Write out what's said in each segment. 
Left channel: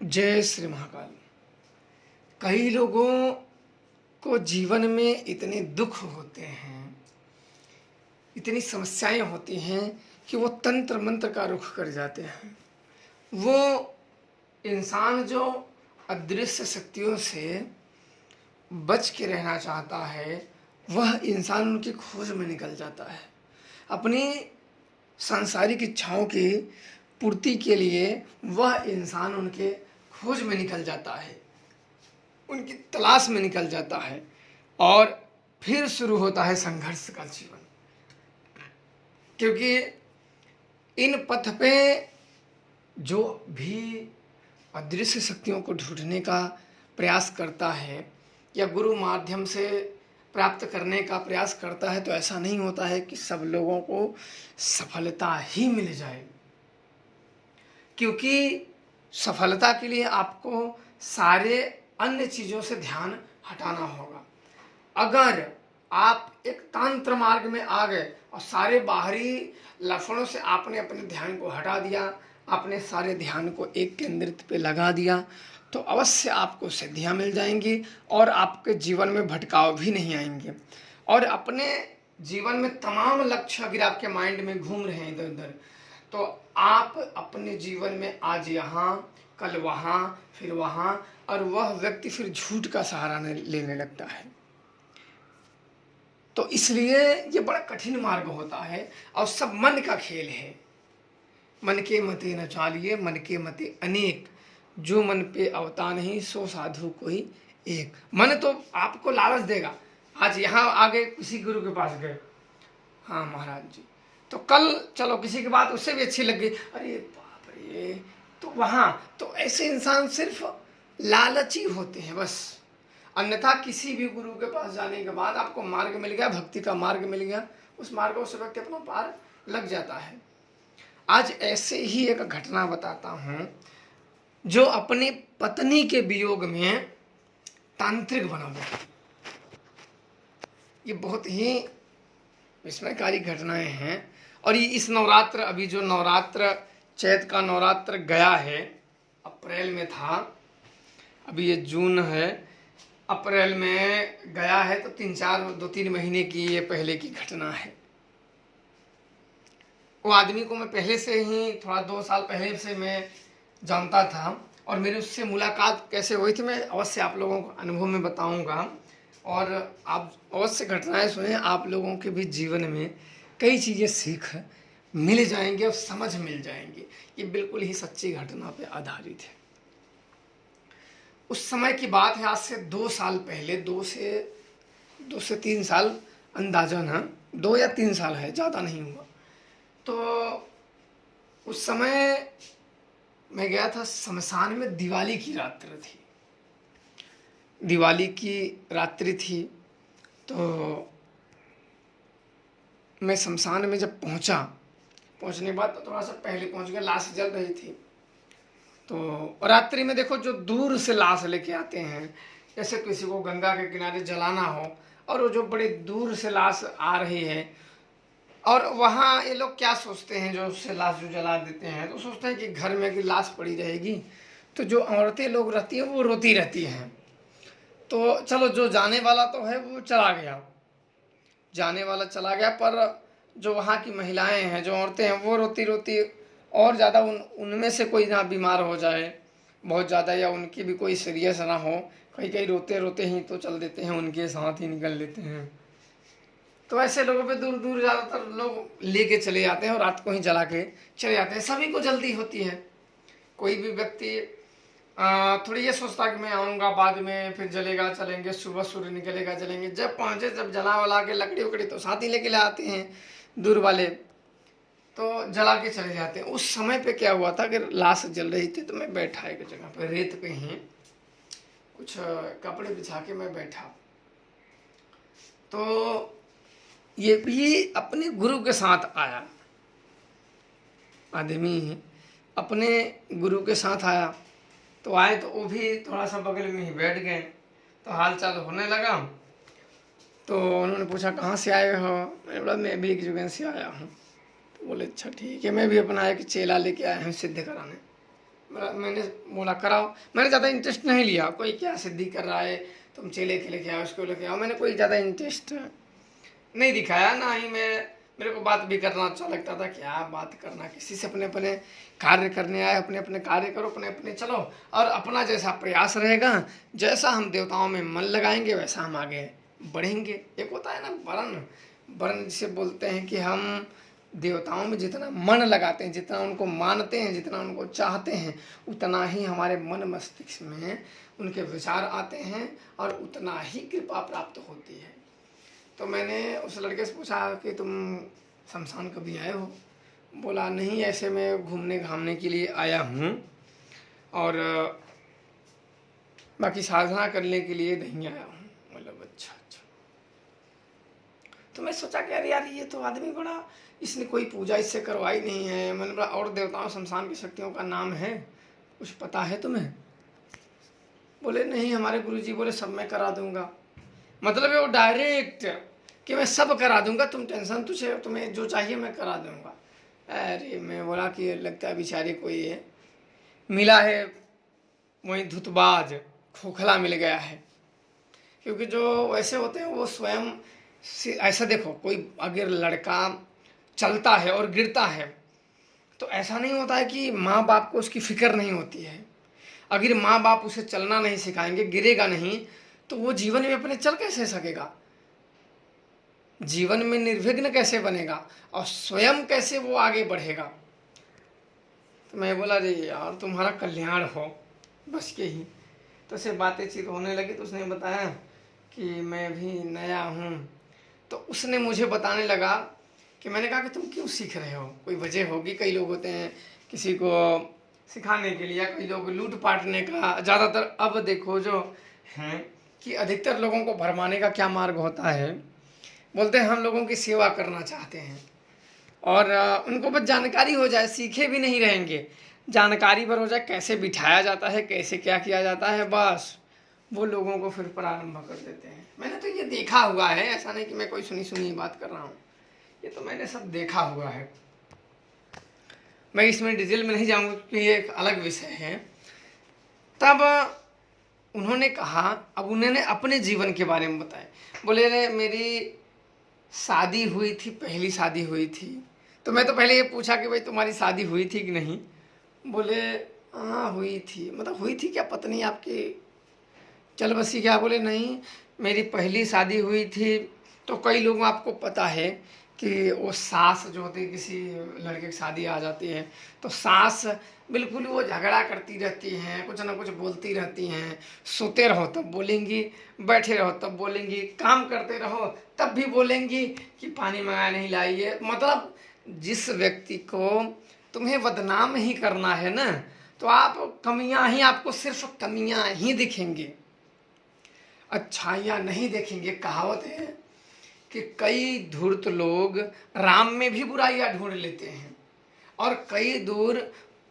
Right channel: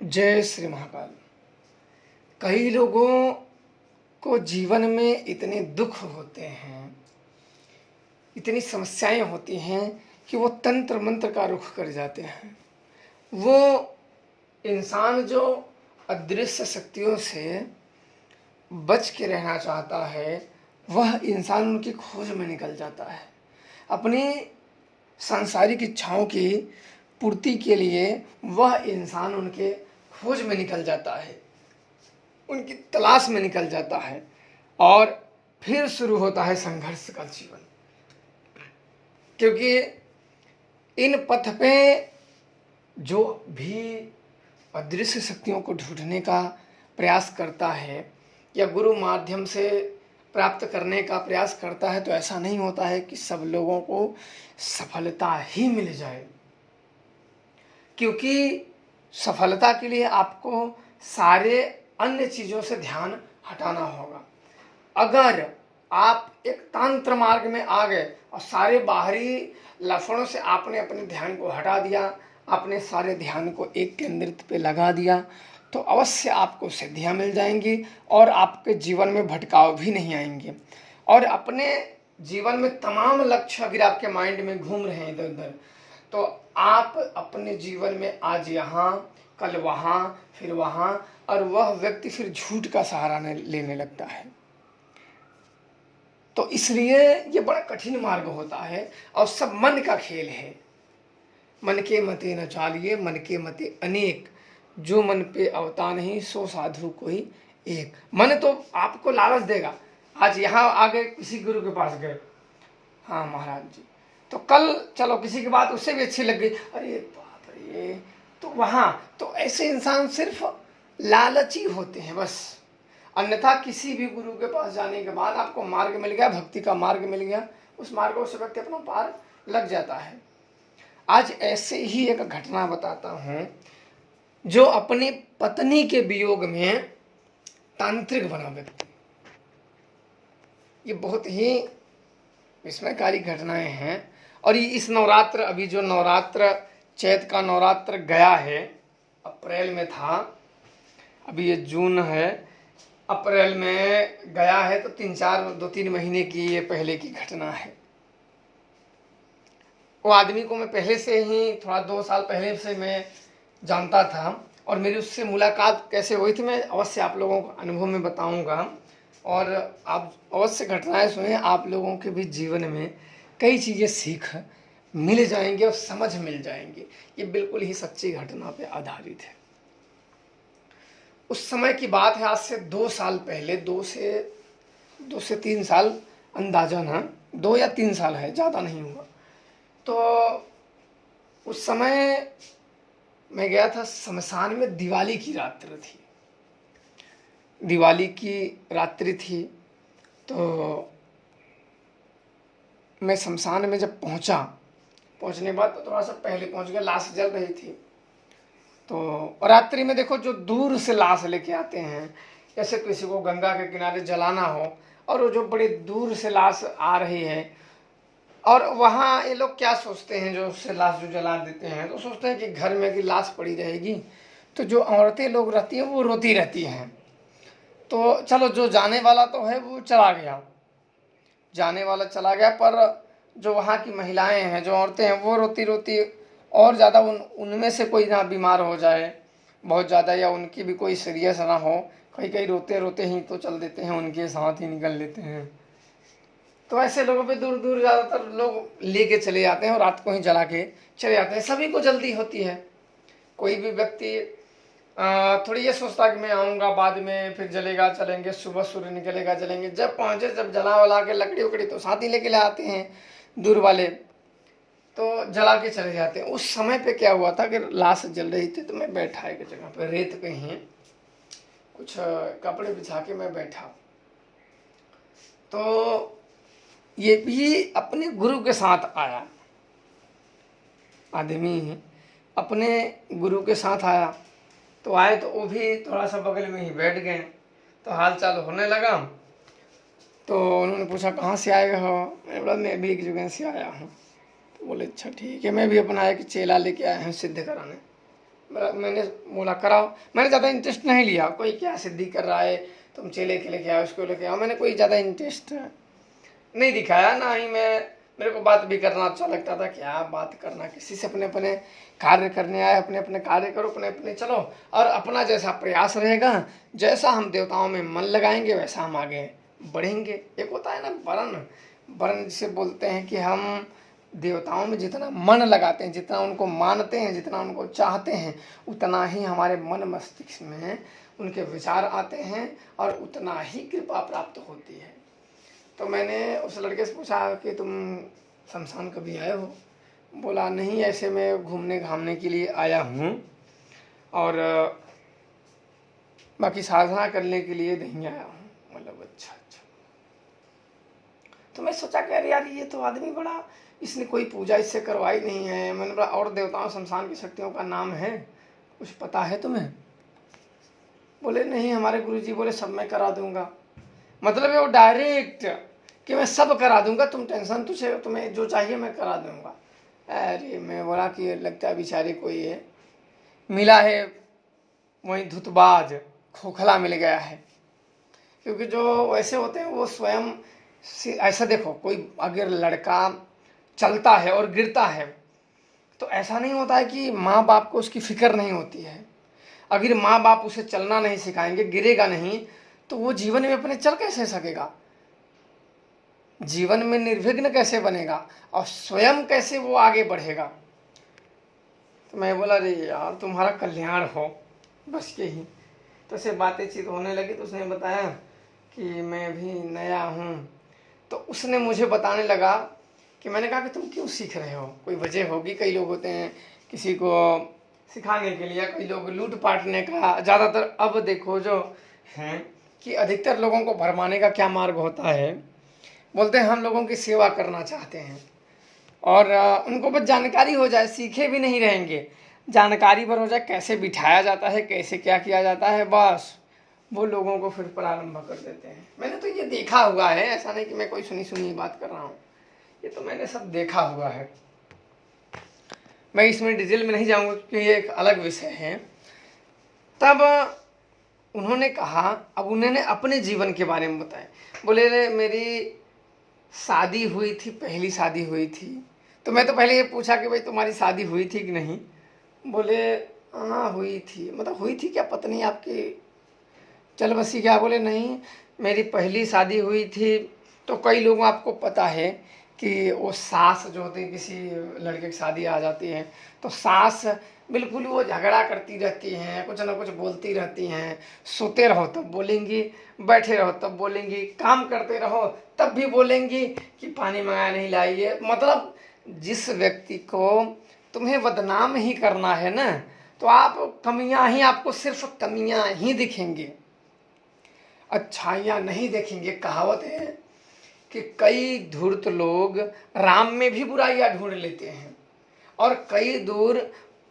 जय श्री महाकाल। कई लोगों को जीवन में इतने दुख होते हैं, इतनी समस्याएं होती हैं कि वो तंत्र मंत्र का रुख कर जाते हैं। वो इंसान जो अदृश्य शक्तियों से बच के रहना चाहता है, वह इंसान उनकी खोज में निकल जाता है। अपनी सांसारिक इच्छाओं की पूर्ति के लिए वह इंसान उनके खोज में निकल जाता है, उनकी तलाश में निकल जाता है और फिर शुरू होता है संघर्ष का जीवन। क्योंकि इन पथ पे जो भी अदृश्य शक्तियों को ढूंढने का प्रयास करता है या गुरु माध्यम से प्राप्त करने का प्रयास करता है, तो ऐसा नहीं होता है कि सब लोगों को सफलता ही मिल जाए। क्योंकि सफलता के लिए आपको सारे अन्य चीज़ों से ध्यान हटाना होगा। अगर आप एक तंत्र मार्ग में आ गए और सारे बाहरी लक्षणों से आपने अपने ध्यान को हटा दिया, अपने सारे ध्यान को एक केंद्रित पे लगा दिया, तो अवश्य आपको सिद्धियां मिल जाएंगी और आपके जीवन में भटकाव भी नहीं आएंगे। और अपने जीवन में तमाम लक्ष्य अगर आपके माइंड में घूम रहे हैं इधर उधर, तो आप अपने जीवन में आज यहाँ, कल वहाँ, फिर वहाँ, और वह व्यक्ति फिर झूठ का सहारा लेने लगता है। तो इसलिए ये बड़ा कठिन मार्ग होता है और सब मन का खेल है। मन के मते न चालिए, मन के मते अनेक, जो मन पे अवता नहीं सो साधु कोई एक। मन तो आपको लालच देगा। आज यहाँ आगे किसी गुरु के पास गए, हाँ महाराज जी, तो कल चलो किसी की बात उससे भी अच्छी लग गई, अरे बाप रे, तो वहाँ तो ऐसे इंसान सिर्फ लालची होते हैं बस। अन्यथा किसी भी गुरु के पास जाने के बाद आपको मार्ग मिल गया, भक्ति का मार्ग मिल गया, उस मार्ग से व्यक्ति अपना पार लग जाता है। आज ऐसे ही एक घटना बताता हूँ, जो अपनी पत्नी के वियोग में तांत्रिक बना हुआ। ये बहुत ही विस्मयकारी घटनाएं हैं। और ये इस नवरात्र, अभी जो नवरात्र चैत का नवरात्र गया है, अप्रैल में था, अभी ये जून है, अप्रैल में गया है, तो 2-3 महीने की ये पहले की घटना है। वो आदमी को मैं पहले से ही, थोड़ा 2 साल पहले से मैं जानता था और मेरी उससे मुलाकात कैसे हुई थी मैं अवश्य आप लोगों को अनुभव में बताऊंगा। और आप अवश्य घटनाएं सुने, आप लोगों के भी जीवन में कई चीज़ें सीख मिल जाएंगे और समझ मिल जाएंगे। ये बिल्कुल ही सच्ची घटना पे आधारित है। उस समय की बात है, आज से 2 साल पहले, 2 से 3 साल अंदाजन है, 2 या 3 साल है, ज़्यादा नहीं हुआ। तो उस समय मैं गया था शमशान में। दिवाली की रात्रि थी, दिवाली की रात्रि थी। तो मैं शमशान में जब पहुंचने के बाद तो थोड़ा सा पहले पहुंच गया, लाश जल रही थी। तो रात्रि में देखो, जो दूर से लाश लेके आते हैं, जैसे किसी को गंगा के किनारे जलाना हो, और वो जो बड़े दूर से लाश आ रही है, और वहाँ ये लोग क्या सोचते हैं, जो उससे लाश जो जला देते हैं, तो सोचते हैं कि घर में की लाश पड़ी रहेगी, तो जो औरतें लोग रहती हैं वो रोती रहती हैं। तो चलो, जो जाने वाला तो है वो चला गया, जाने वाला चला गया, पर जो वहाँ की महिलाएं हैं, जो औरतें हैं, वो रोती रोती और ज़्यादा उनमें से कोई ना बीमार हो जाए बहुत ज़्यादा, या उनकी भी कोई सीरियस ना हो, कहीं कहीं रोते रोते ही तो चल देते हैं, उनके साथ ही निकल लेते हैं। तो ऐसे लोगों पे दूर दूर ज़्यादातर लोग लेके चले जाते हैं और रात को ही जला के चले जाते हैं। सभी को जल्दी होती है। कोई भी व्यक्ति थोड़ी ये सोचता है कि मैं आऊँगा बाद में, फिर जलेगा, चलेंगे, सुबह सूर्य निकलेगा, जलेंगे। जब पहुँचे, जब जला वला के लकड़ी उकड़ी तो साथ ही लेके आते हैं दूर वाले, तो जला के चले जाते हैं। उस समय पे क्या हुआ था कि लाश जल रही थी, तो मैं बैठा एक जगह पे, रेत पे ही कुछ कपड़े बिछा के मैं बैठा। तो ये भी अपने गुरु के साथ आया, आदमी अपने गुरु के साथ आया। तो आए तो वो भी थोड़ा सा बगल में ही बैठ गए, तो हाल चाल होने लगा। तो उन्होंने पूछा कहाँ से आए हो? मैं बोला मैं भी एक जगह से आया हूँ। तो बोले अच्छा ठीक है। मैं भी अपना एक चेला लेके आया हूँ सिद्ध कराने। मैंने बोला कराओ। मैंने ज़्यादा इंटरेस्ट नहीं लिया, कोई क्या सिद्धि कर रहा है, तुम चेले के लेके आओ, उसको लेके आओ, मैंने कोई ज़्यादा इंटरेस्ट नहीं दिखाया। ना ही मेरे को बात भी करना अच्छा लगता था। क्या बात करना, किसी से अपने अपने कार्य करने आए, अपने अपने कार्य करो, अपने अपने चलो, और अपना जैसा प्रयास रहेगा, जैसा हम देवताओं में मन लगाएंगे वैसा हम आगे बढ़ेंगे। एक होता है ना वर्ण, वर्ण जिसे बोलते हैं कि हम देवताओं में जितना मन लगाते हैं, जितना उनको मानते हैं, जितना उनको चाहते हैं, उतना ही हमारे मन मस्तिष्क में उनके विचार आते हैं और उतना ही कृपा प्राप्त होती है। तो मैंने उस लड़के से पूछा कि तुम शमशान कभी आए हो? बोला नहीं, ऐसे मैं घूमने घामने के लिए आया हूँ और बाकी साधना करने के लिए नहीं आया हूँ। मतलब अच्छा अच्छा। तो मैं सोचा कि अरे यार ये तो आदमी बड़ा, इसने कोई पूजा इससे करवाई नहीं है। मैंने बोला और देवताओं शमशान की शक्तियों का नाम है, कुछ पता है तुम्हें? बोले नहीं, हमारे गुरुजी बोले सब मैं करा दूंगा। मतलब है वो डायरेक्ट कि मैं सब करा दूंगा, तुम टेंशन, तुम्हें जो चाहिए मैं करा दूंगा। अरे मैं बोला कि लगता है बेचारे कोई है मिला है, वही धुतबाज खोखला मिल गया है। क्योंकि जो वैसे होते हैं वो स्वयं ऐसा, देखो कोई अगर लड़का चलता है और गिरता है तो ऐसा नहीं होता है कि माँ बाप को उसकी फिक्र नहीं होती है। अगर माँ बाप उसे चलना नहीं सिखाएंगे, गिरेगा नहीं, तो वो जीवन में अपने चल कैसे सकेगा, जीवन में निर्विघ्न कैसे बनेगा और स्वयं कैसे वो आगे बढ़ेगा। तो मैं बोला अरे यार तुम्हारा कल्याण हो, बस यही। तो उससे बातचीत होने लगी तो उसने बताया कि मैं भी नया हूँ। तो उसने मुझे बताने लगा कि मैंने कहा कि तुम क्यों सीख रहे हो, कोई वजह होगी। कई लोग होते हैं किसी को सिखाने के लिए, कई लोग लूट पाटने का। ज़्यादातर अब देखो जो हैं कि अधिकतर लोगों को भरमाने का क्या मार्ग होता है, बोलते हैं हम लोगों की सेवा करना चाहते हैं और उनको बस जानकारी हो जाए, सीखे भी नहीं रहेंगे, जानकारी पर हो जाए कैसे बिठाया जाता है, कैसे क्या किया जाता है, बस वो लोगों को फिर प्रारंभ कर देते हैं। मैंने तो ये देखा हुआ है, ऐसा नहीं कि मैं कोई सुनी सुनी बात कर रहा हूँ, ये तो मैंने सब देखा हुआ है। मैं इसमें डिटेल में नहीं जाऊँगा क्योंकि ये एक अलग विषय है। तब उन्होंने कहा, अब उन्होंने अपने जीवन के बारे में बताया। बोले रे मेरी शादी हुई थी, पहली शादी हुई थी। तो मैं तो पहले ये पूछा कि भाई तुम्हारी शादी हुई थी कि नहीं? बोले हाँ हुई थी। मतलब हुई थी क्या, पत्नी आपकी चल बसी क्या? बोले नहीं, मेरी पहली शादी हुई थी। तो कई लोगों आपको पता है कि वो सास जो होती है, किसी लड़के की शादी आ जाती है तो सास बिल्कुल वो झगड़ा करती रहती हैं, कुछ ना कुछ बोलती रहती हैं। सोते रहो तब बोलेंगी, बैठे रहो तब बोलेंगी, काम करते रहो तब भी बोलेंगी कि पानी मंगाया नहीं लाइए। मतलब जिस व्यक्ति को तुम्हें बदनाम ही करना है ना, तो आप कमियां ही, आपको सिर्फ कमियां ही दिखेंगे, अच्छाइयाँ नहीं देखेंगे। कहावत है कि कई धूर्त लोग राम में भी बुराइयां ढूंढ लेते हैं और कई दूर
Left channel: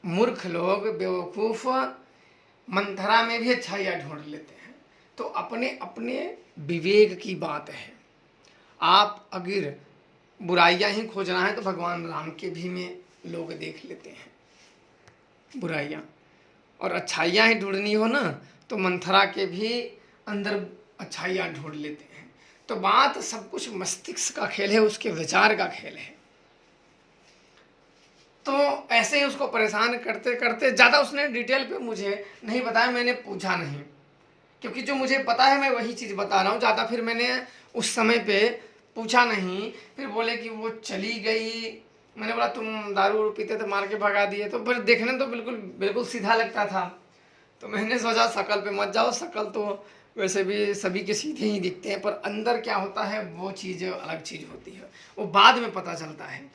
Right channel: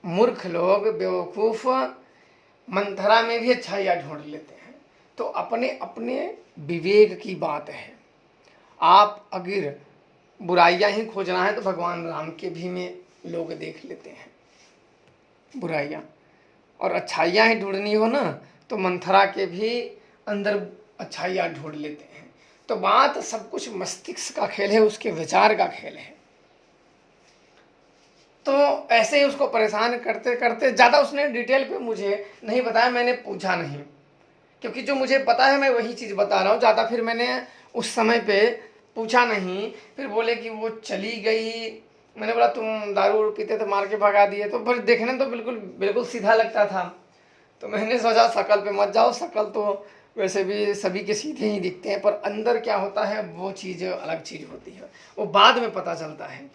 मूर्ख लोग बेवकूफ मंथरा में भी अच्छाइयाँ ढूंढ लेते हैं। तो अपने अपने विवेक की बात है। आप अगर बुराइयां ही खोजना है तो भगवान राम के भी में लोग देख लेते हैं बुराइयां, और अच्छाइयाँ ही ढूंढनी हो ना तो मंथरा के भी अंदर अच्छाइयाँ ढूंढ लेते हैं। तो बात सब कुछ मस्तिष्क का खेल है, उसके विचार का खेल है। तो ऐसे ही उसको परेशान करते करते, ज़्यादा उसने डिटेल पे मुझे नहीं बताया, मैंने पूछा नहीं, क्योंकि जो मुझे पता है मैं वही चीज़ बता रहा हूँ। ज़्यादा फिर मैंने उस समय पे पूछा नहीं। फिर बोले कि वो चली गई। मैंने बोला तुम दारू पीते तो मार के भगा दिए। तो फिर देखने तो बिल्कुल बिल्कुल सीधा लगता था। तो मैंने सोचा शकल पे मत जाओ, शकल तो वैसे भी सभी के सीधे ही दिखते हैं, पर अंदर क्या होता है वो चीज़ अलग चीज़ होती है, वो बाद में पता चलता है।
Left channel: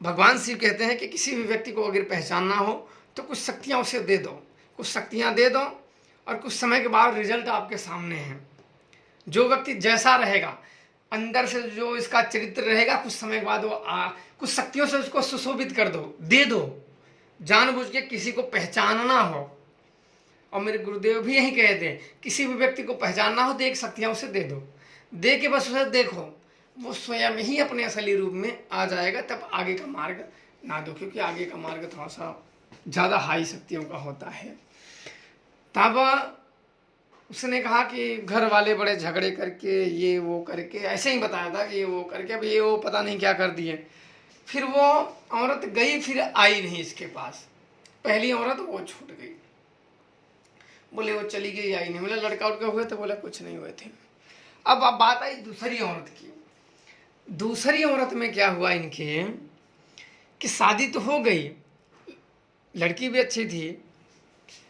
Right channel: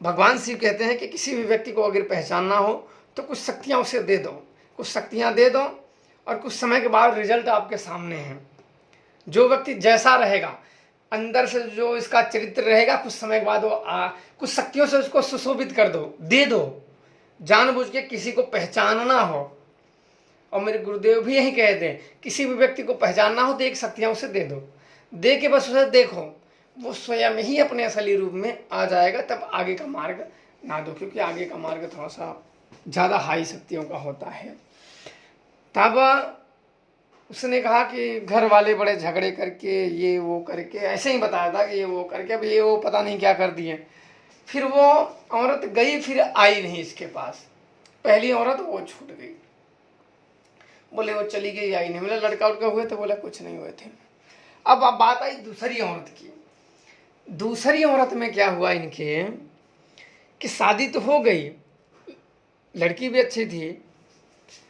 भगवान शिव कहते हैं कि किसी भी व्यक्ति को अगर पहचानना हो तो कुछ शक्तियाँ उसे दे दो, कुछ शक्तियाँ दे दो, और कुछ समय के बाद रिजल्ट आपके सामने है। जो व्यक्ति जैसा रहेगा, अंदर से जो इसका चरित्र रहेगा, कुछ समय के बाद वो कुछ शक्तियों से उसको सुशोभित कर दो, दे दो। जानबूझ के किसी को पहचानना हो, और मेरे गुरुदेव भी यही कहते हैं, किसी भी व्यक्ति को पहचानना हो तो एक शक्तियाँ उसे दे दो, दे के बस उसे देखो, वो स्वयं ही अपने असली रूप में आ जाएगा। तब आगे का मार्ग ना दो, क्योंकि आगे का मार्ग थोड़ा सा ज़्यादा हाई शक्तियों का होता है। तब उसने कहा कि घर वाले बड़े झगड़े करके ये वो करके ऐसे ही बताया था कि ये वो करके, अब ये वो पता नहीं क्या कर दिए। फिर वो औरत गई, फिर आई नहीं इसके पास। पहली औरत वो छूट गई, बोले वो चली गई, आई नहीं। बोले लड़का उड़का हुए थे? बोला कुछ नहीं हुए थे। अब बात आई दूसरी औरत की। दूसरी औरत में क्या हुआ इनके कि शादी तो हो गई, लड़की भी अच्छी थी।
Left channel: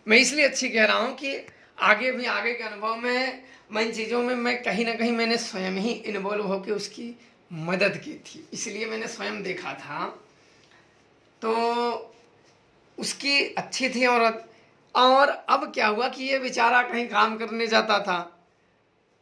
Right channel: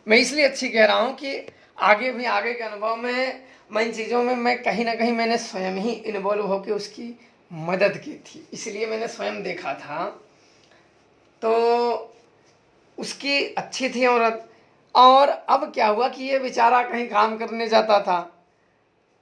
मैं इसलिए अच्छी कह रहा हूँ कि आगे के अनुभव में मैं इन चीज़ों में मैं कहीं ना कहीं मैंने स्वयं ही इन्वॉल्व होकर उसकी मदद की थी, इसलिए मैंने स्वयं देखा था। तो उसकी अच्छी थी औरत। और अब क्या हुआ कि ये बेचारा कहीं काम करने जाता था।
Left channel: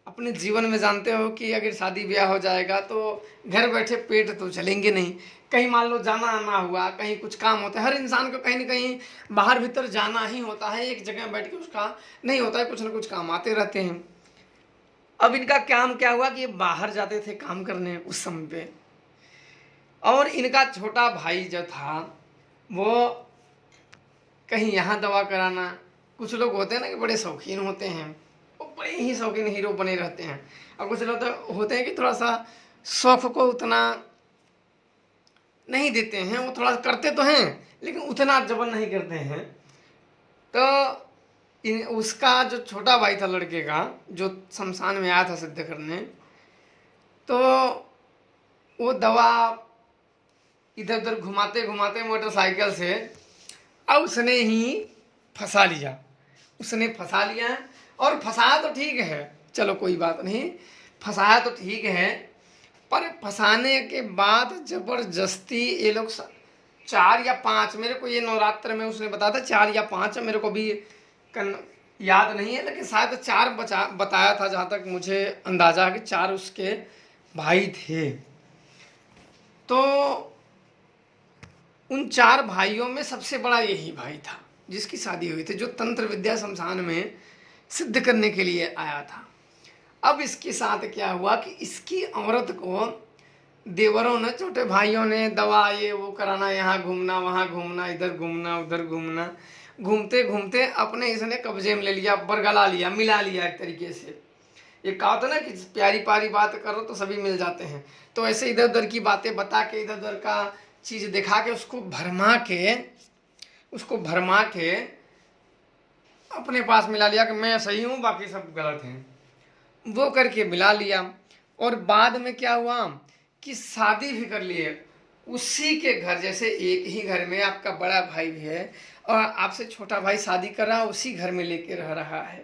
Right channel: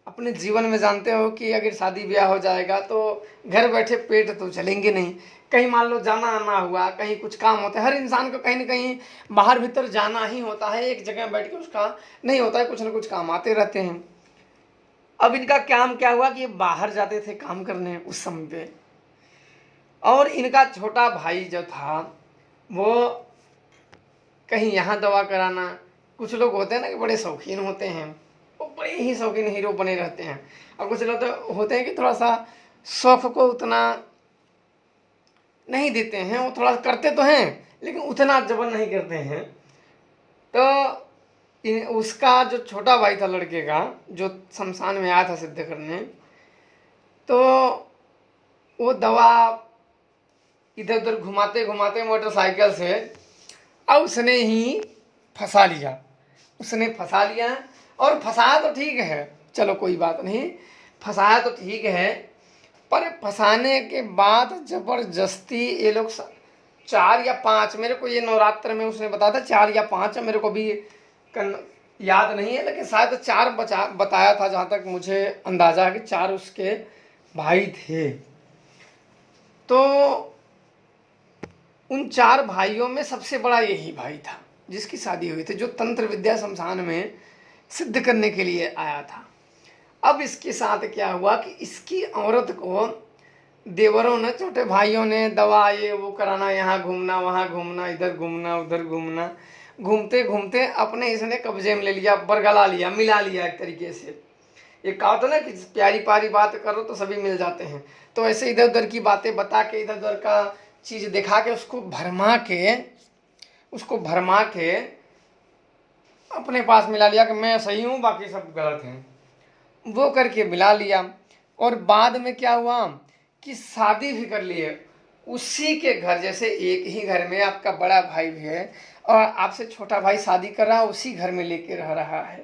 अपने जीवन में जानते हो कि अगर शादी ब्याह हो जाएगा तो घर बैठे पेट तो चलेंगे नहीं। कहीं मान लो जाना आना हुआ, कहीं कुछ काम होता है, हर इंसान को कहीं ना कहीं बाहर भीतर जाना ही होता है, एक जगह बैठ के उसका नहीं होता है, कुछ ना कुछ काम आते रहते हैं। अब इनका काम क्या हुआ कि ये बाहर जाते थे काम करने उस समय पे। और इनका छोटा भाई जो था वो कहीं यहाँ दवा कराना, कुछ लोग होते हैं ना कि बड़े शौकीन होते हैं, वो बड़े ही शौकीन हीरो बने रहते हैं। और कुछ लोग तो होते हैं कि थोड़ा सा शौक को उतना नहीं देते हैं, वो थोड़ा करते तो हैं लेकिन उतना जबर नहीं करते हैं। तो उसका जो छोटा भाई था लड़के का, जो शमशान में आया था सिद्ध करने, तो वो दवा इधर उधर घुमाते घुमाते मोटरसाइकिल से अब उसने ही फंसा लिया। उसने फंसा लिया, और फंसाया तो ठीक है, चलो कोई बात नहीं, फंसाया तो ठीक है, पर फंसाने के बाद जबरदस्ती ये लोग 4 या 5, मेरे को ये नवरात्र में उसने बताया था 4 या 5, मेरे को भी याद नहीं है, लेकिन शायद 4 बताया था, जहाँ तक मुझे अंदाजा है कि 4 उसके भाई थे। तो उन 4 भाइयों में सबसे बड़ा यही भाई था जिसकी शादी हुई थी, जो तंत्र विद्या शमशान में सिद्ध करने के लिए आया था। अब इसके साथ क्या हुआ कि इसकी औरत को देवरों ने, छोटे भाइयों ने दवा ये वो कराना, यहाँ घूमना वहाँ घूमना, इधर घूमना उधर घूमना, घूमते घूमते अपने इसने कब्जे में ले लिया, बरगला लिया, मिला लिया एक तरीके से। ये कहा था ना कि प्यारी प्यारी बात करो तो सभी मिल जाते हैं, तो ऐसे इधर उधर की बातें बता के, इधर उधर का चीज दिखा के, उसको भरमा के अपने पास मिला लिया कि मैं सही हूँ बाकी सब गलत हैं, वो करके मिला लिया। और बाद में क्या हुआ कि शादी भी कर लिए उसी के घर, जैसे एक ही घर में आपका बड़ा भाई भी है और आपसे छोटा भाई शादी कर रहा है, उसी घर में लेके रह रहा है।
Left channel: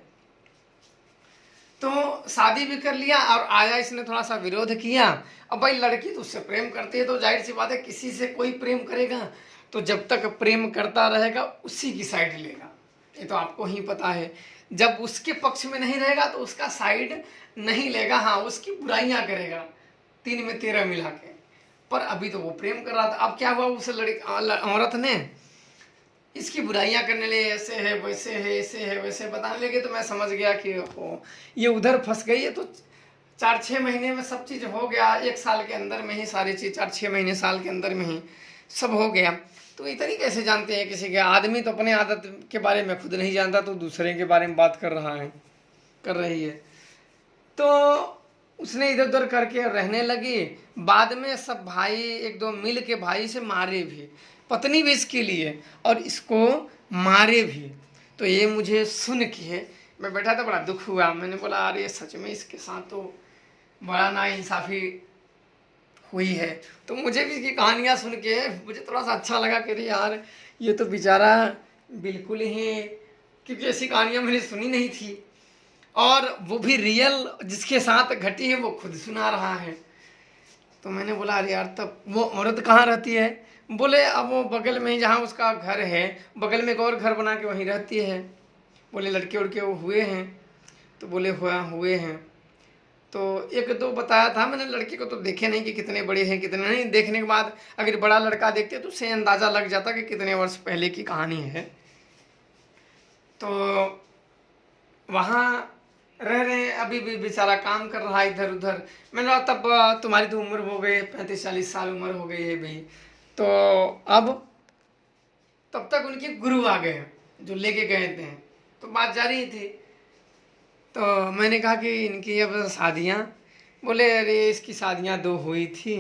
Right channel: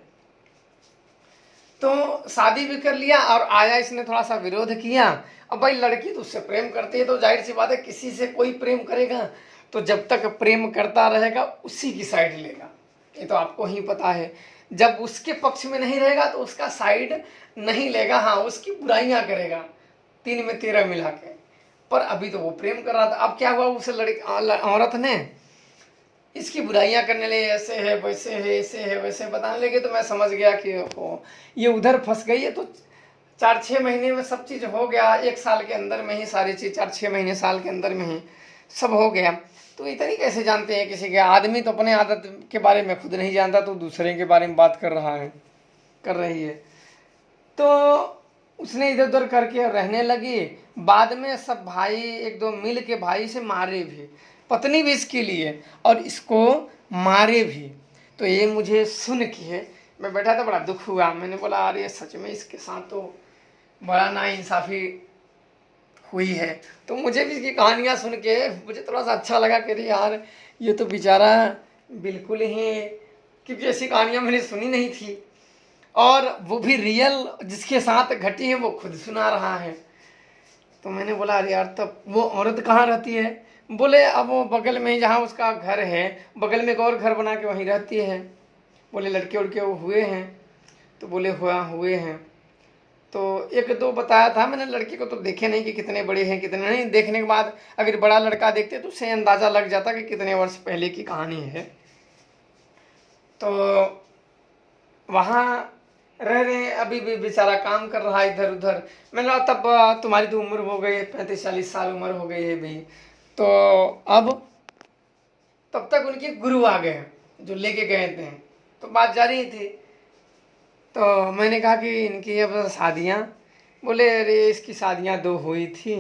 तो शादी भी कर लिया और आया, इसने थोड़ा सा विरोध किया। अब भाई लड़की तो उससे प्रेम करती है, तो जाहिर सी बात है किसी से कोई प्रेम करेगा तो जब तक प्रेम करता रहेगा उसी की साइड लेगा, ये तो आपको ही पता है। जब उसके पक्ष में नहीं रहेगा तो उसका साइड नहीं लेगा, हाँ उसकी बुराइयां करेगा 3 में 13 मिला के। पर अभी तो वो प्रेम कर रहा था। अब क्या हुआ, उस औरत ने इसकी बुराइयां करने लगे, ऐसे है वैसे है ऐसे है वैसे बताने लगे। तो मैं समझ गया कि हो ये उधर फंस गई है। तो 4-6 महीने में सब चीज़ हो गया, 1 साल के अंदर में ही सारी चीज़, 4-6 महीने साल के अंदर में ही सब हो गया। तो इतनी कैसे जानते हैं किसी के, आदमी तो अपने आदत के बारे में खुद नहीं जानता, तो दूसरे के बारे में बात कर रही है। तो उसने इधर उधर करके रहने लगी। बाद में सब भाई 1-2 मिल के भाई से मारे भी, पत्नी भी इसके लिए, और इसको मारे भी। तो ये मुझे सुन के मैं बैठा था, बड़ा दुख हुआ। मैंने बोला अरे सच में इसके साथ तो बड़ा नाइंसाफ़ी हुई है। तो मुझे भी इसकी कहानियाँ सुन के मुझे थोड़ा सा अच्छा लगा कि अरे यार ये तो बेचारा बिल्कुल ही, क्योंकि ऐसी कहानियाँ मैंने सुनी नहीं थी, और वो भी रियल जिसके साथ घटी है वो खुद सुना रहा है। तो मैंने बोला अरे यार, तब वो औरत कहाँ रहती है? बोले अब वो बगल में ही, जहाँ उसका घर है बगल में एक और घर बना के वहीं रहती है। बोले लड़के उड़के वो हुए हैं? तो बोले हुए हैं। तो 1-2 बताया था मैंने, लड़के को तो देखे नहीं कि कितने बड़े हैं कितने नहीं। देखने के बाद अगर बड़ा लड़का देखते तो उससे अंदाज़ा लग जाता कि कितने वर्ष पहले की कहानी है। तो वहाँ रह रहे हैं, अभी भी बेचारा काम कर रहा है इधर उधर। मैंने कहा तब तुम्हारी तो उम्र हो गई, 35-40 साल उम्र हो गई है भी, तो अब तब तब तक उनके गुरु आ गए जो लेके गए थे। तो बात जारी थी। तो मैंने कहा कि इनकी अब शादियाँ, बोले अरे इसकी शादियाँ 2 हुई थी,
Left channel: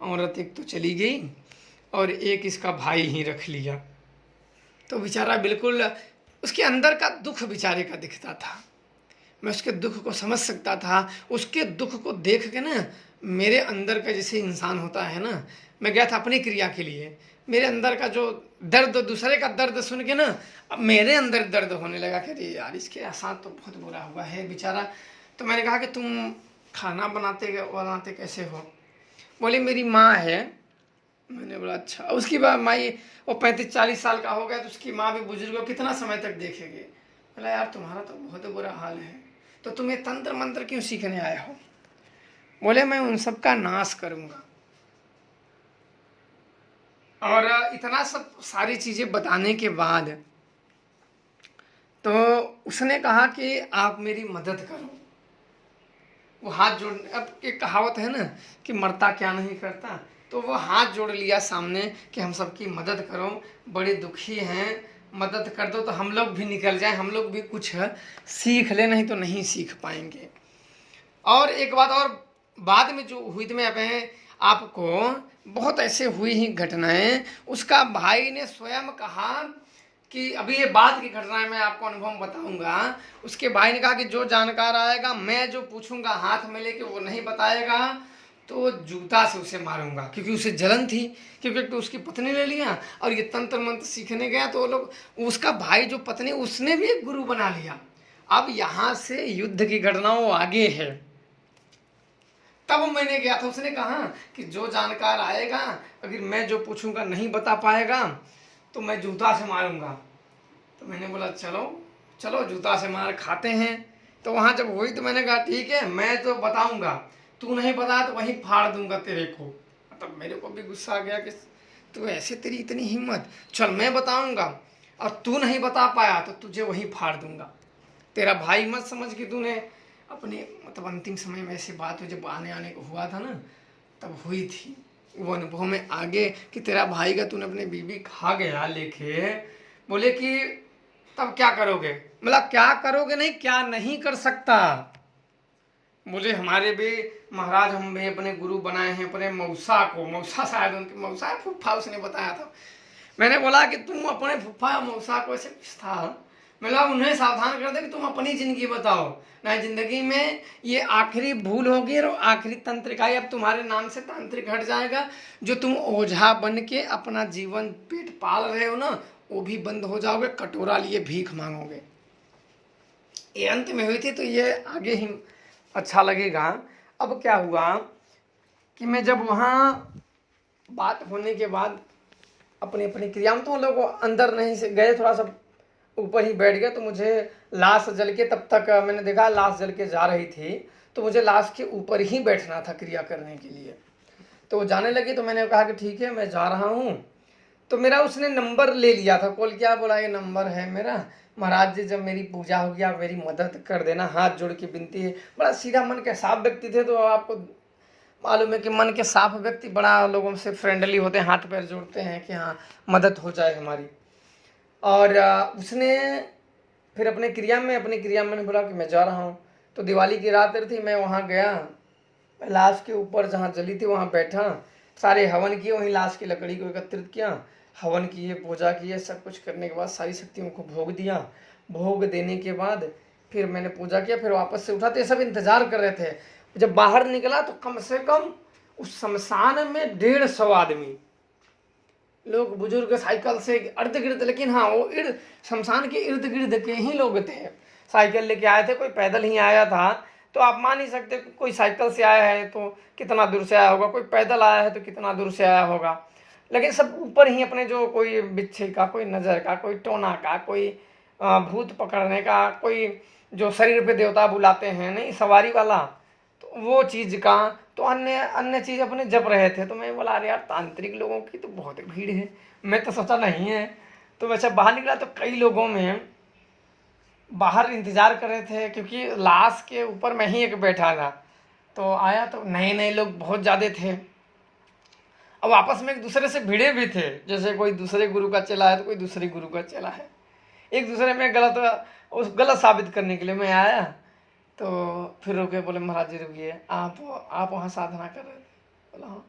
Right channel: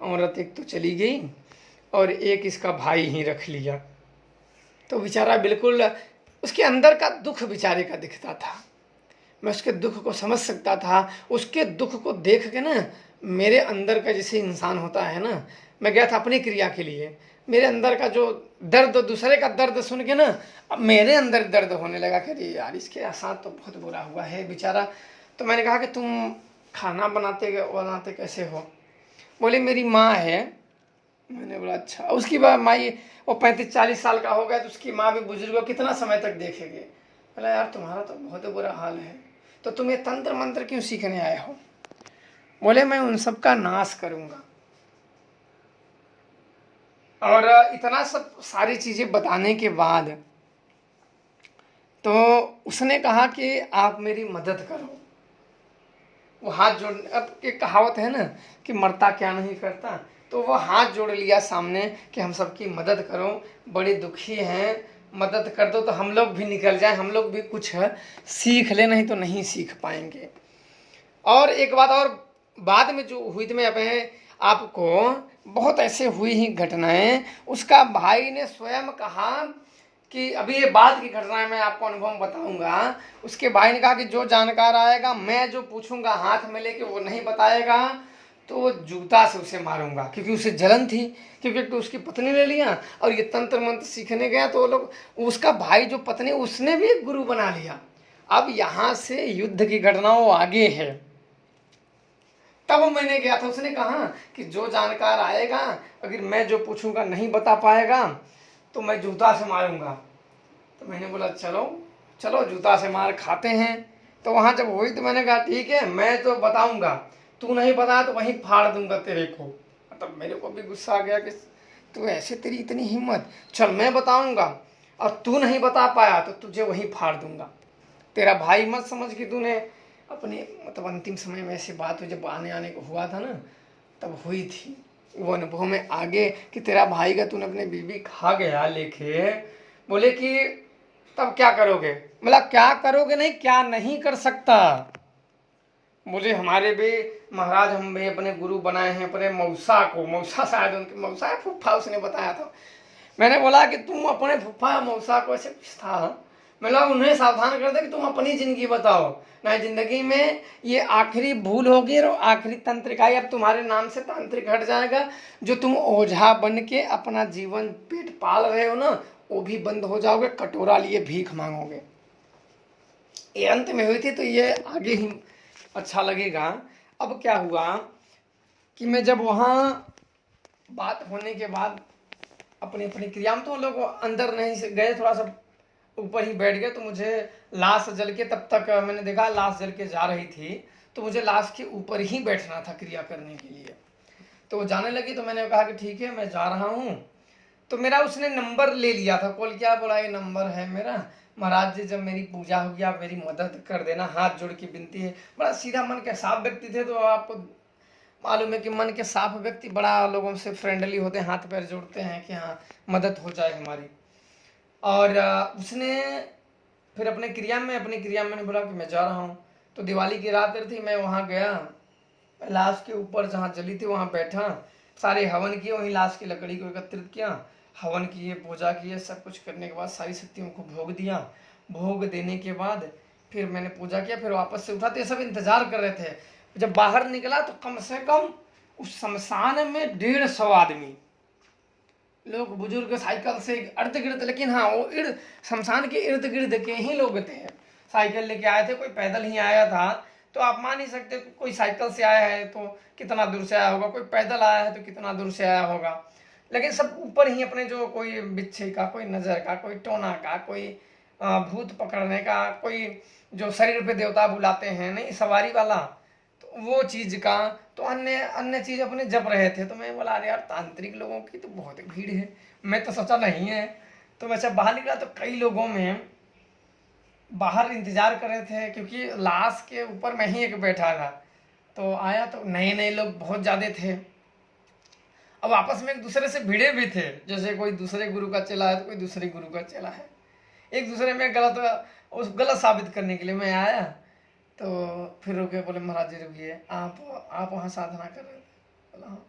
औरत एक तो चली गई और एक इसका भाई ही रख लिया। तो बेचारा बिल्कुल उसके अंदर का दुख बेचारे का दिखता था। मैं उसके दुख को समझ सकता था। उसके दुख को देख के ना मेरे अंदर का जैसे इंसान होता है ना, मैं गया था अपनी क्रिया के लिए, मेरे अंदर का जो दर्द, दूसरे का दर्द सुन के ना अब मेरे अंदर दर्द होने लगा कि अरे यार इसके साथ तो बहुत बुरा हुआ है बेचारा। तो मैंने कहा कि तुम खाना बनाते कैसे हो? बोले मेरी माँ है। मैंने बोला अच्छा। उसकी माँ वो 35-40 साल का हो गया, तो उसकी माँ भी बुजुर्ग हो, कितना समय तक देखेंगे? बोला यार तुम्हारा तो बहुत बुरा हाल है, तो तुम ये तंत्र मंत्र क्यों सीखने आए हो? बोले मैं उन सब का नाश करूंगा। और इतना सब सारी चीजें बताने के बाद तो उसने कहा कि आप मेरी मदद करो। वो हाथ जोड़, अब एक कहावत है ना कि मरता क्या नहीं करता, तो वो हाथ जोड़ लिया सामने कि हम सबकी मदद करो, बड़े दुखी हैं, मदद कर दो तो हम लोग भी निकल जाए, हम लोग भी कुछ सीख ले, नहीं तो नहीं सीख पाएंगे। और एक बात और बाद में जो हुई थी, मैं अपने आपको बहुत ऐसे हुई ही घटनाएं, उसका भाई ने स्वयं कहा कि अभी ये बात की घटना है, मैं आपको अनुभव बताऊंगा। उसके भाई ने कहा कि जो जानकार आएगा, मैं जो पूछूंगा हाथ में लेके वो नहीं बताएगा तो जूता से उसे मारूंगा, क्योंकि उसे जलन थी, क्योंकि तो उसकी पत्नी ले लिया और ये तंत्र मंत्र सीखने गया। तो वो लोग, उसका भाई जो पत्नी, उसने भी एक गुरु बना लिया। अब यहां से युद्ध की घटनाओं आगे है। तब मैंने गया था, उसने कहा कि जो जानकार आएगा, अगर मैं जो पूछूंगा नहीं बता पाएगा तो मैं जूता से मारूंगा। तो मैंने बोला चलो चलो जूता से मार खाते हैं। तो वहां जब हुई तो मैंने कहा ठीक है, मैं तो बताऊंगा, तू नहीं बताया तो वहीं फाड़ दूंगा तेरे को। मतलब मेरे को भी गुस्सा आ गया कि तू ऐसे, तेरी इतनी हिम्मत, चल मैं बताऊंगा और तू नहीं बता पाया तो तुझे वहीं फाड़ दूंगा। तेरा भाई मत समझ कि तूने अपने, मतलब अंतिम समय में ऐसी बात जब आने को हुआ था ना, तब हुई थी वो अनुभव में आगे कि तेरा भाई का तूने अपने बीबी खा गया लेके। बोले कि तब क्या करोगे? मतलब क्या करोगे नहीं, क्या नहीं कर सकता। बोले हमारे भी महाराज, हम भी अपने गुरु बनाए हैं अपने मौसा को, मौसा शायद उनकी मौसा फूफा उसने बताया था। मैंने बोला कि तुम अपने फूफा या मौसा को, ऐसे कुछ था, मतलब उन्हें सावधान कर दे कि तुम अपनी जिंदगी बताओ ना, जिंदगी में ये आखिरी भूल होगी और आखिरी तंत्रिकाई, अब तुम्हारे नाम से तांत्रिक हट जाएगा। जो तुम ओझा बन के अपना जीवन पेट पाल रहे हो ना, वो भी बंद हो जाओगे, कटोरा लिए भीख मांगोगे। ये अंत में हुई थी, तो ये आगे ही अच्छा लगेगा। अब क्या हुआ कि मैं जब वहाँ बात होने के बाद अपनी अपनी क्रिया में, तो लोग अंदर नहीं से गए, थोड़ा सा ऊपर ही बैठ गए। तो मुझे लाश जल के, तब तक मैंने देखा लाश जल के जा रही थी, तो मुझे लाश के ऊपर ही बैठना था क्रिया करने के लिए। तो वो जाने लगी, तो मैंने कहा कि ठीक है मैं जा रहा हूँ। तो मेरा उसने नंबर ले लिया था, कॉल किया, बोला ये नंबर है मेरा, महाराज जी जब मेरी पूजा होगी आप मेरी मदद कर देना, हाथ जोड़ के विनती है। बड़ा सीधा मन के साफ व्यक्ति थे, तो आपको मालूम है कि मन के साफ व्यक्ति बड़ा लोगों से फ्रेंडली होते हैं, हाथ पैर जोड़ते हैं कि हाँ मदद हो जाए हमारी। और उसने फिर अपनी क्रिया में मैंने बोला कि मैं जा रहा हूँ। तो दिवाली की रात थी, मैं वहाँ गया, लाश के ऊपर जहाँ जली थी वहाँ बैठा, सारे हवन किए, वहीं लाश की लकड़ी को एकत्रित किया, हवन किए, पूजा किए, सब कुछ करने के बाद सारी शक्तियों को भोग दिया। भोग देने के बाद फिर मैंने पूजा किया, फिर वापस से उठा, तो ये सब इंतजार कर रहे थे। जब बाहर निकला तो कम से कम उस शमशान में 150 आदमी, लोग बुजुर्ग साइकिल से अर्ध गिर्द, लेकिन हाँ वो शमशान के इर्द गिर्द के ही लोग थे। साइकिल लेके आए थे, कोई पैदल ही आया था। तो आप मान ही सकते कि कोई साइकिल से आया है तो कितना दूर से आया होगा, कोई पैदल आया है तो कितना दूर से आया होगा। लेकिन सब ऊपर ही अपने, जो कोई बिच्छे का, कोई नज़र का, कोई टोना का, कोई भूत पकड़ने का, कोई जो शरीर पे देवता बुलाते हैं नहीं सवारी वाला, तो वो चीज़ का, तो अन्य अन्य चीज़ अपने जप रहे थे। तो मैं बोला अरे यार तांत्रिक लोगों की तो बहुत भीड़ है, मैं तो सोचा नहीं है। तो वैसे बाहर निकला तो कई लोगों में बाहर इंतजार कर रहे थे, क्योंकि लाश के ऊपर मैं ही एक बैठा था। तो आया तो नए नए लोग बहुत ज़्यादा थे। अब आपस में एक दूसरे से भिड़े भी थे, जैसे कोई दूसरे गुरु का चेला है तो कोई दूसरे गुरु का चेला है, एक दूसरे में गलत साबित करने के लिए मैं आया। तो फिर रुके, बोले महाराज जी रुकिए, आप वहाँ साधना कर रहे थे? बोला हाँ।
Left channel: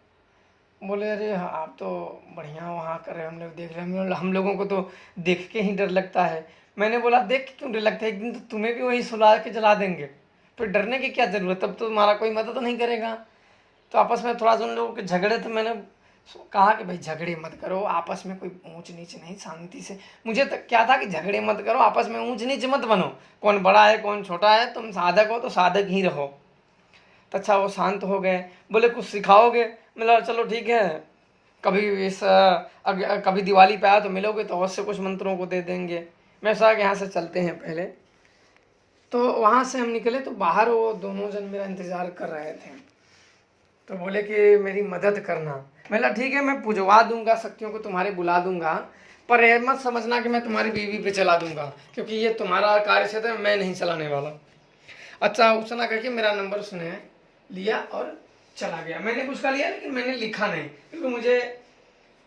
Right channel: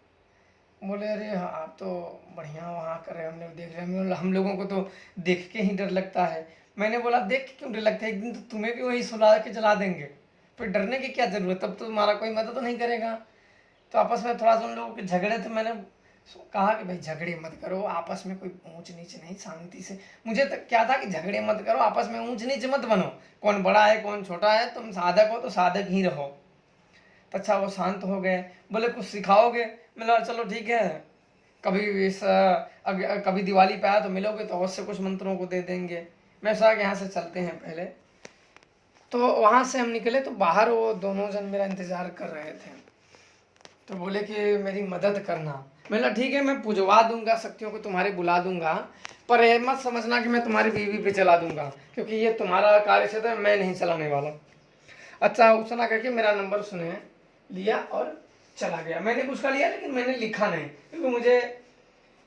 बोले अरे हाँ, आप तो बढ़िया वहाँ कर रहे हैं, हम लोग देख रहे हैं, हम लोगों को तो देख के ही डर लगता है। मैंने बोला देख के क्यों डर लगता है, एक दिन तो तुम्हें भी वही सुला के जला देंगे, फिर डरने की क्या ज़रूरत, तब तो तुम्हारा कोई मदद नहीं करेगा। तो आपस में थोड़ा सा उन लोगों के झगड़े थे, मैंने कहा कि भाई झगड़े मत करो, आपस में कोई ऊंच नीच नहीं, शांति से। मुझे तो क्या था कि झगड़े मत करो, आपस में ऊंच नीच मत बनो, कौन बड़ा है कौन छोटा है, तुम साधक हो तो साधक ही रहो। तो अच्छा वो शांत हो गए, बोले कुछ सिखाओगे? बोला चलो ठीक है, कभी दिवाली पे आया तो मिलोगे तो अवश्य कुछ मंत्रों को दे देंगे। मैं सोचा कि यहाँ से चलते हैं पहले। तो वहाँ से हम निकले तो बाहर वो दोनों जन मेरा इंतज़ार कर रहे थे। तो बोले कि मेरी मदद करना। मैंने ठीक है, मैं पुजवा दूंगा, शक्तियों को तुम्हारे बुला दूंगा, पर ये मत समझना कि मैं तुम्हारी बीवी पे चला दूंगा, क्योंकि ये तुम्हारा कार्य क्षेत्र है, मैं नहीं चलाने वाला। अच्छा उसना करके मेरा नंबर उसने लिया और चला गया। मैंने भी उसका लिया लेकिन मैंने लिखा नहीं, क्योंकि मुझे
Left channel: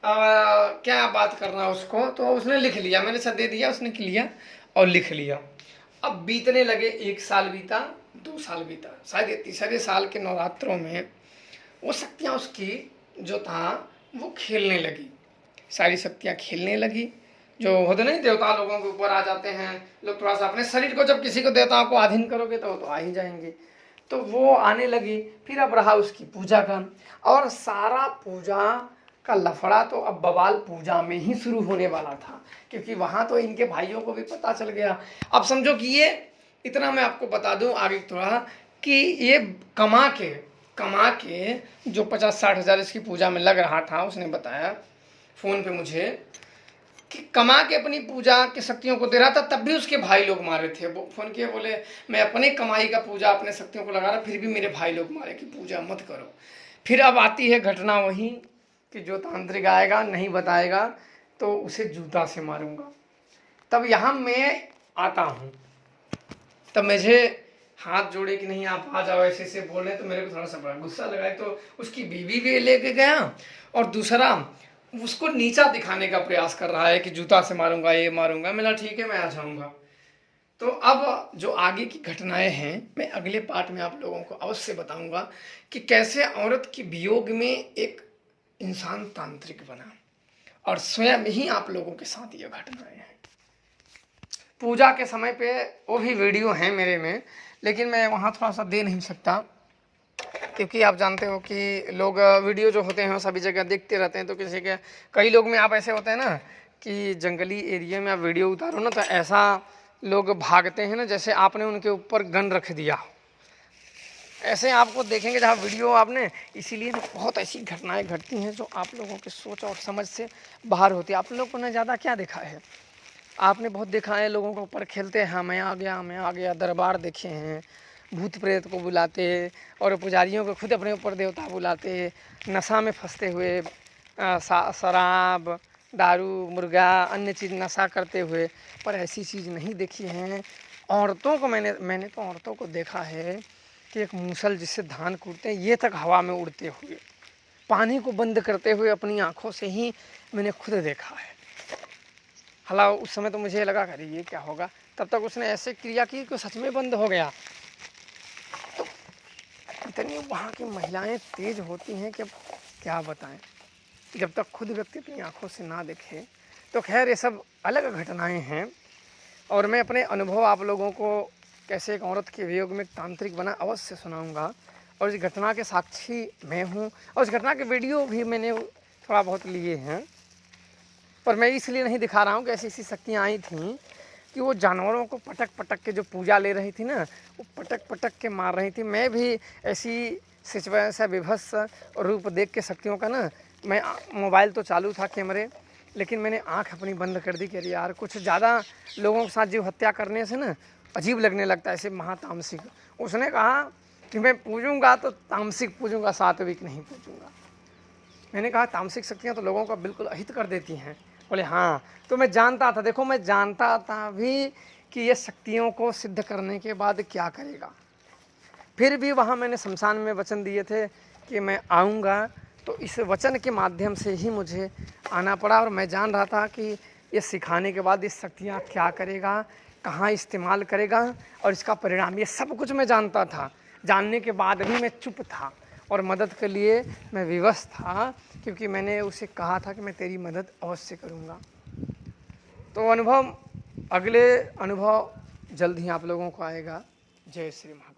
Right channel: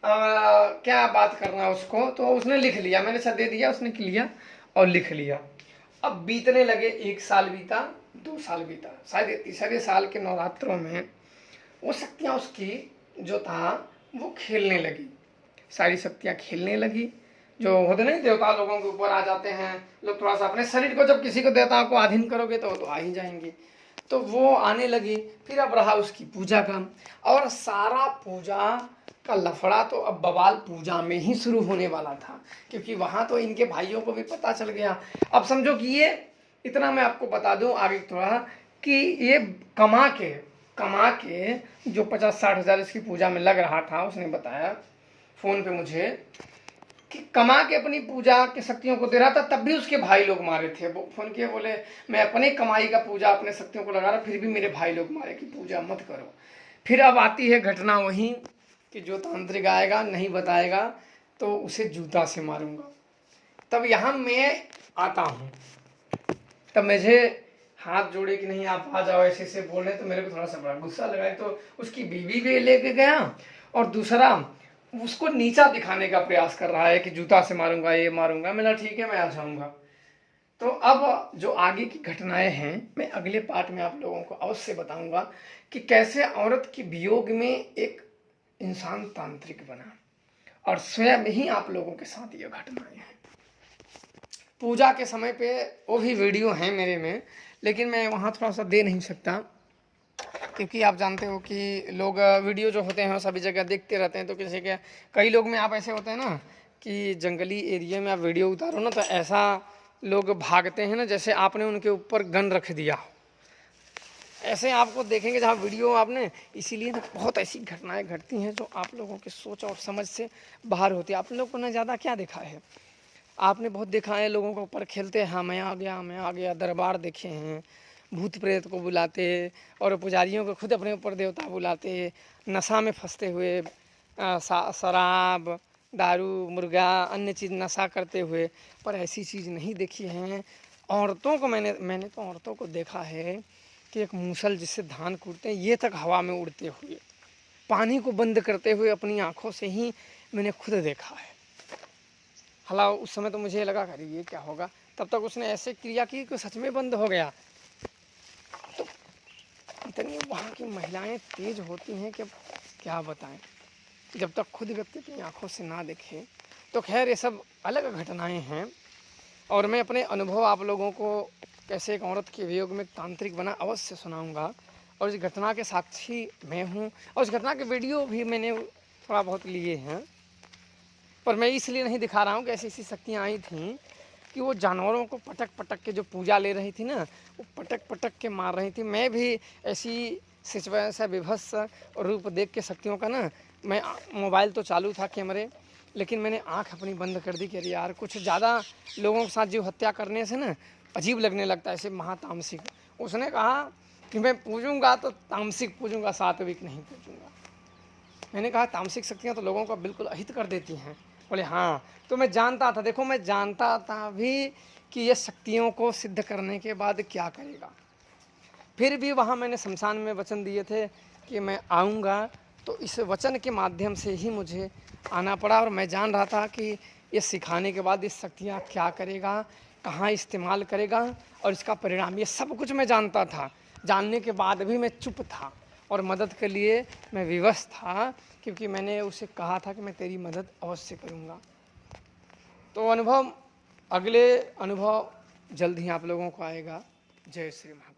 क्या बात करना उसको, तो उसने लिख लिया, मैंने सब दे दिया, उसने लिया और लिख लिया। अब बीतने लगे, 1 साल बीता, 2 साल बीता, शायद तीसरे साल के नवरात्रों में वो शक्तियाँ उसकी जो था वो खेलने लगी, सारी शक्तियाँ खेलने लगी। जो होते नहीं देवता लोगों के ऊपर आ जाते हैं लोग, थोड़ा सा अपने शरीर को जब किसी को देवताओं को अधीन करोगे तो वो तो आ ही जाएंगे। तो वो आने लगी। फिर अब रहा उसकी पूजा का, और सारा पूजा का लफड़ा तो अब बवाल पूजा में ही शुरू होने वाला था, क्योंकि वहाँ तो इनके भाइयों को भी पता चल गया। अब समझो कि ये इतना मैं आपको बता दूं आगे थोड़ा, कि ये कमा के जो 50-60 हज़ार इसकी पूजा में लग रहा था, उसने बताया फ़ोन पे मुझे कि कमा के अपनी पूजा की शक्तियों को दे रहा था, तब भी उसके भाई लोग मारे थे। वो फ़ोन किए, बोले मैं अपने कमाई का पूजा अपने शक्तियों को लगा रहा, फिर भी मेरे भाई लोग मारे कि पूजा मत करो। फिर अब आती है घटना वही कि जो तांत्रिक आएगा नहीं बताएगा तो उसे जूता से मारूंगा। तब यहाँ मैं आता हूँ, तब मुझे हाथ जोड़े कि नहीं आप आ जाओ, ऐसे ऐसे बोल रहे, तो मेरे को थोड़ा सा बड़ा गुस्सा लगा। तो उसकी बीवी भी लेके गया, और दूसरा उसको नीचा दिखाने का प्रयास कर रहा है कि जूता से मारूंगा, ये मारूंगा। मैंने ठीक है मैं आ जाऊंगा। तो अब जो आगे की घटनाएं हैं मैं अगले पार्ट में आप लोगों को अवश्य बताऊंगा कि कैसे औरत के वियोग में एक इंसान तांत्रिक बना, और स्वयं ही आप लोगों के साथ ये घटनाएं हैं। पूजा के समय पे वो भी वीडियो हैं मेरे में, लेकिन मैं वहाँ थोड़ा सा दे नहीं सकता, क्योंकि आप जानते हो कि लोग वीडियो जो होते हैं वो सभी जगह देखते रहते हैं। तो किसी के कई लोग में आप ऐसे होते हैं ना कि जंगली एरिया में आप वीडियो उतारो ना, तो ऐसा लोग भागते हैं ना जैसे आपने उनके ऊपर गन रख दिया हो, ऐसे आपको देखेंगे जहाँ वीडियो आपने। इसीलिए बहुत ऐसी घटनाएं घटती हैं जो आप लोगों के सोच और समझ से बाहर होती है। आप लोगों ने ज़्यादा क्या देखा है, आपने बहुत देखा है लोगों के ऊपर खेलते हैं, हाँ मैं आ गया, दरबार देखे हैं, भूत प्रेत को बुलाते, और पुजारियों को खुद अपने ऊपर देवता बुलाते, नशा में फंसते हुए, शराब, दारू, मुर्गा, अन्य चीज़ नशा करते हुए। पर ऐसी चीज़ नहीं देखी है। औरतों को मैंने तो औरतों को देखा है कि एक मूसल जिससे धान कूटते हैं, ये तक हवा में उड़ते हुए, पानी को बंद करते हुए अपनी आँखों से ही मैंने खुद देखा है। हालांकि उस समय तो मुझे लगा अरे ये क्या होगा, तब तक उसने ऐसे क्रिया की कि सच में बंद हो गया। तो इतनी वहाँ की महिलाएं तेज होती हैं कि अब क्या बताएं, जब तक खुद व्यक्ति अपनी आँखों से ना देखे। तो खैर ये सब अलग घटनाएं हैं, और मैं अपने अनुभव आप लोगों को कैसे एक औरत के वियोग में तांत्रिक बना अवश्य सुनाऊंगा। और इस घटना के साक्षी मैं हूँ, और इस घटना के वीडियो भी मैंने थोड़ा बहुत लिए हैं, पर मैं इसलिए नहीं दिखा रहा हूँ कि ऐसी ऐसी शक्तियाँ आई थीं कि वो जानवरों को पटक पटक के जो पूजा ले रही थी ना, वो पटक पटक के मार रही थी। मैं भी ऐसी सिचुएशन विभत्स रूप देख के शक्तियों का ना, मैं मोबाइल तो चालू था कैमरे, लेकिन मैंने आंख अपनी बंद कर दी कि अरे यार कुछ ज़्यादा लोगों के साथ जीव हत्या करने से ना अजीब लगने लगता है, ऐसे महातामसिक। उसने कहा कि मैं पूजूंगा तो तामसिक पूजूंगा, सात्विक नहीं पूजूंगा। मैंने कहा तामसिक शक्तियाँ तो लोगों का बिल्कुल अहित कर देती हैं। बोले हाँ। तो मैं जानता था, देखो मैं जानता था भी कि ये शक्तियों को सिद्ध करने के बाद क्या करेगा। फिर भी वहाँ मैंने शमशान में वचन दिए थे कि मैं आऊँगा तो इस वचन के माध्यम से ही मुझे आना पड़ा और मैं जान रहा था कि ये सिखाने के बाद ये शक्तियाँ क्या करेगा, कहाँ इस्तेमाल करेगा और इसका परिणाम, ये सब कुछ मैं जानता था। जानने के बाद भी मैं चुप था और मदद के लिए मैं विवश था, क्योंकि मैंने उसे कहा था कि मैं तेरी मदद अवश्य करूँगा। तो अगले अनुभव जल्द ही आप लोगों को आएगा। जय श्री महाराज।